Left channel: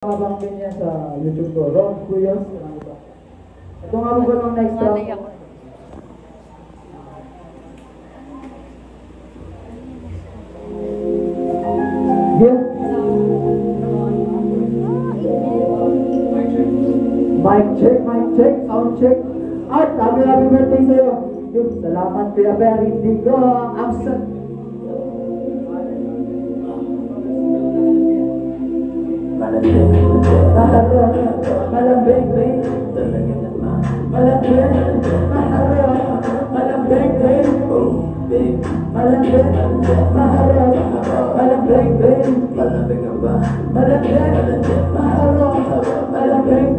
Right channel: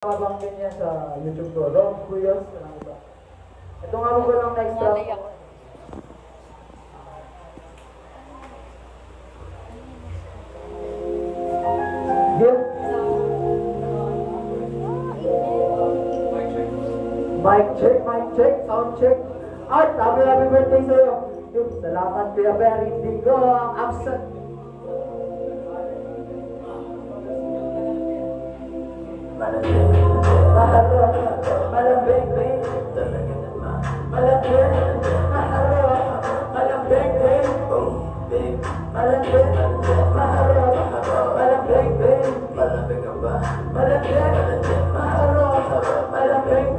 Kabangkin niya sa YouTube ko, Rob Cuyos. Ito nga mo ba ng next round? Deal? Mic check, sound check. At happy birthday sa'yo. Salamat Kuya Perry, hindi ko ang absent. Malambing, talaga naman. Malambing, maharap. Malambing, oh babe. Malambing, maharap. Malambing, malambing ka ba? Malambing, maharap. Malambing,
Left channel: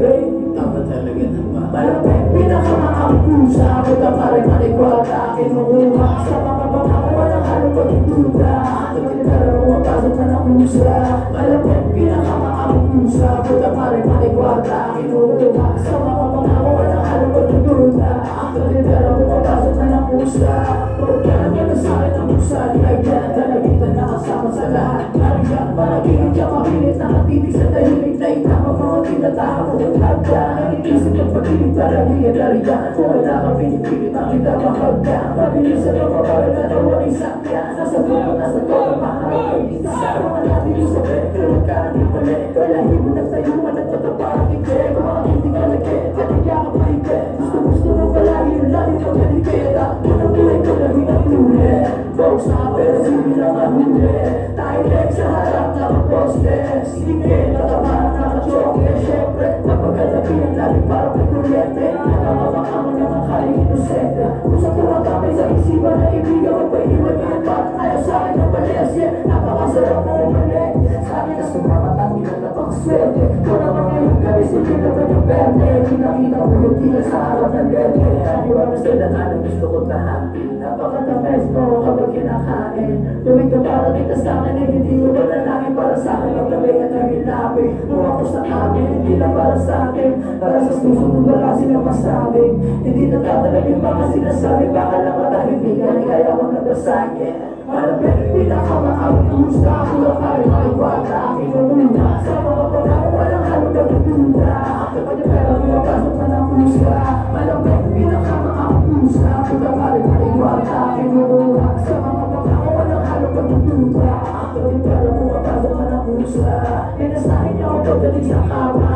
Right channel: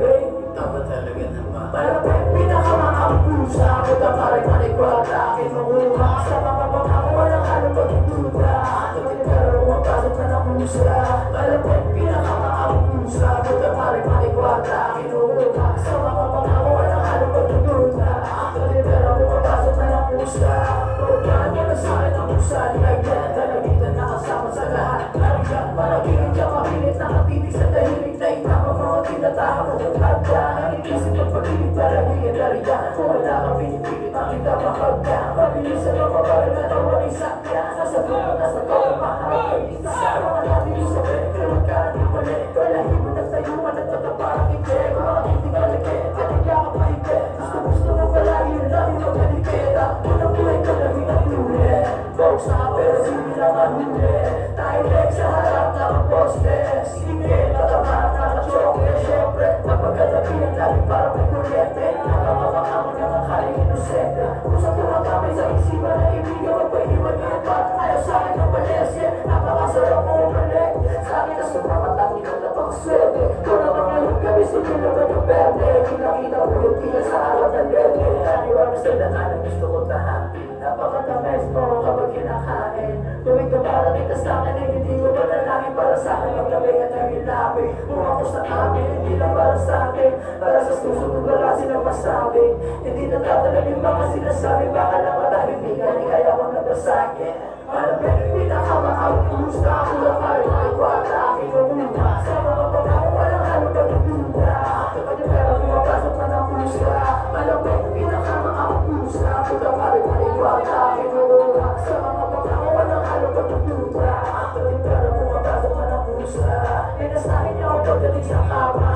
tama talaga naman. Malambing, pinakamakang pusa. Buta pa rin maligwala. Kinukuha sa mga pangako. Walang halong pagduda. Pagkitara mo mapasok na ng pusa. Malambing, pinakamakang pusa. Buta pa rin maligwala. Kinukuha sa mga pangako. Walang halong pagduda. Pagkitara mo mapasok na ng pusa. Pagkaan mo na sa akin ang pusa. Nagyan at nalagitan na kasama sa lahat. Nariyan, malagigit siya kamilit. Nakatitig sa tahimik na itama mo. Tinatahan mo kung hagda. Nagigisip ang pag-ibig para hingin nariyan. Kung wala kang pinipilit makita mahagda. Mabilisan ang mabagal na nawang isang yan. Nasa buko, nasa toka, mahagay isa. Mga natin yung sabi, pero magkanan yung mali. Walahin mo na sa'yo, managtatraparang hindi. Kung makakindi ka lagit, kanilya ka paigit. Gusto mo palagi yung labi magkaligit. At unang buhay ka na hinatuli. Box na pero sili lang mahuli. Tayo sa harap ng poste. Sige, natamarang nakachoke. Siyempre, napagkadabi ang labi parang may kuryente. Nakamamakamo na ng haling inosente. Usap tumatamay sa isipan na ibigan. Magpaiwan ka ng bata. Ayaw sa akin ng palesye. Napakasarap mo umalik. Sabi na sobrang matangin na napakaswerte. Wala pa ngayong gabi, sige na ba yung berde? Hinakita mo yung tila sa harap ng berde. Aniwala sa dalanan, gusto ko tahatin. Napakatamis mo kapag kinakain. Tuwing ka parating ka sa akin, hindi ko ba nalangin para sa akin. Maglamig at naging labi. Kung ako sa amin, hindi lang para sa akin. Para sa susunod wala silang masabi. Hindi natatalag yung mga sinasabi. Baka lang matahibigan, kaya kong nabasagin. Malapit, pinakamaang pusa. Kulang ka rin ang iwata. Kinumuna sa mga pangako, walang halong pagdududa. Kapag yung pera mo, mapasok na ng pusa. Malapit, pinakamaang pusa. Kulang ka rin ang iwata. Kinumuna sa mga pangako, walang halong pagdududa. Kapag yung pera mo, mapasok na ng pusa. Pinasahin niya ako pagdating sa kama.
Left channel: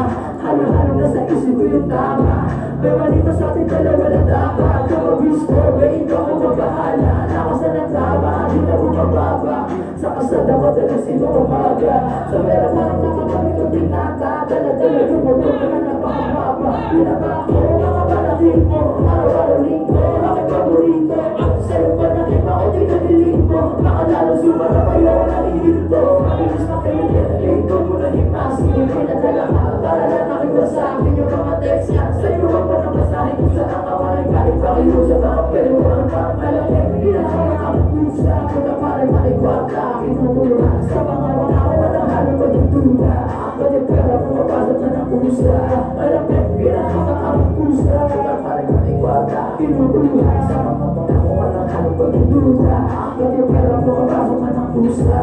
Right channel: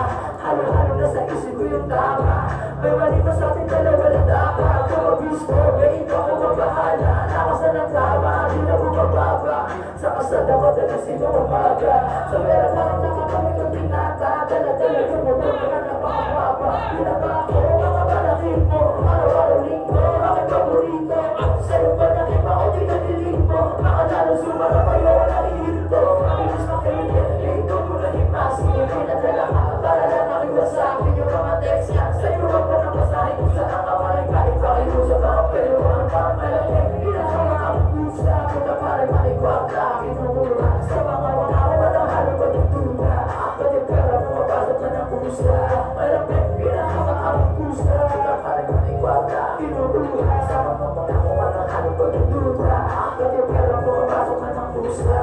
Halo-halo na sa isip ko yung tama. May mali pa sa ating dalawa na dapat. Kapag gusto, may ikaw ang magbahala. Nakasan ang tama, di na bumababa. Sa kasada mo, talasin mo umaga. Sa meron pa ng nakakabit yung binata. Dala-dala yung magulong na napakababa. Pinaka ako, mga panatin mo. Araw-araw linggo, bakit paborito? Sa'yo pa natin ako, tinadilig mo. Makalalo sumara pa yun, nakihinto. Mabilis na kayo, ito mo na himas. Hindi nadala ka, para lang nakita sa akin yung mga text niya. Sa'yo ako na masahin kung saan ang kawalan. Kahit pa kayo sa mga pero ang pangmalaki. Pinakamakang pusa, kung na parang maligwata. Kinumura sa mga makawan na ng halong pagdududa. Pwede pera kung mapasok na ng pusa. Malapit, pinakamakang pusa, kung na parang maligwata. Kinumura sa mga makawan na ng halong pagdududa. Pwede pera kung mapasok na ng pusa.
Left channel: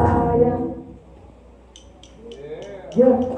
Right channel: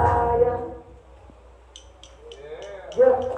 Yeah.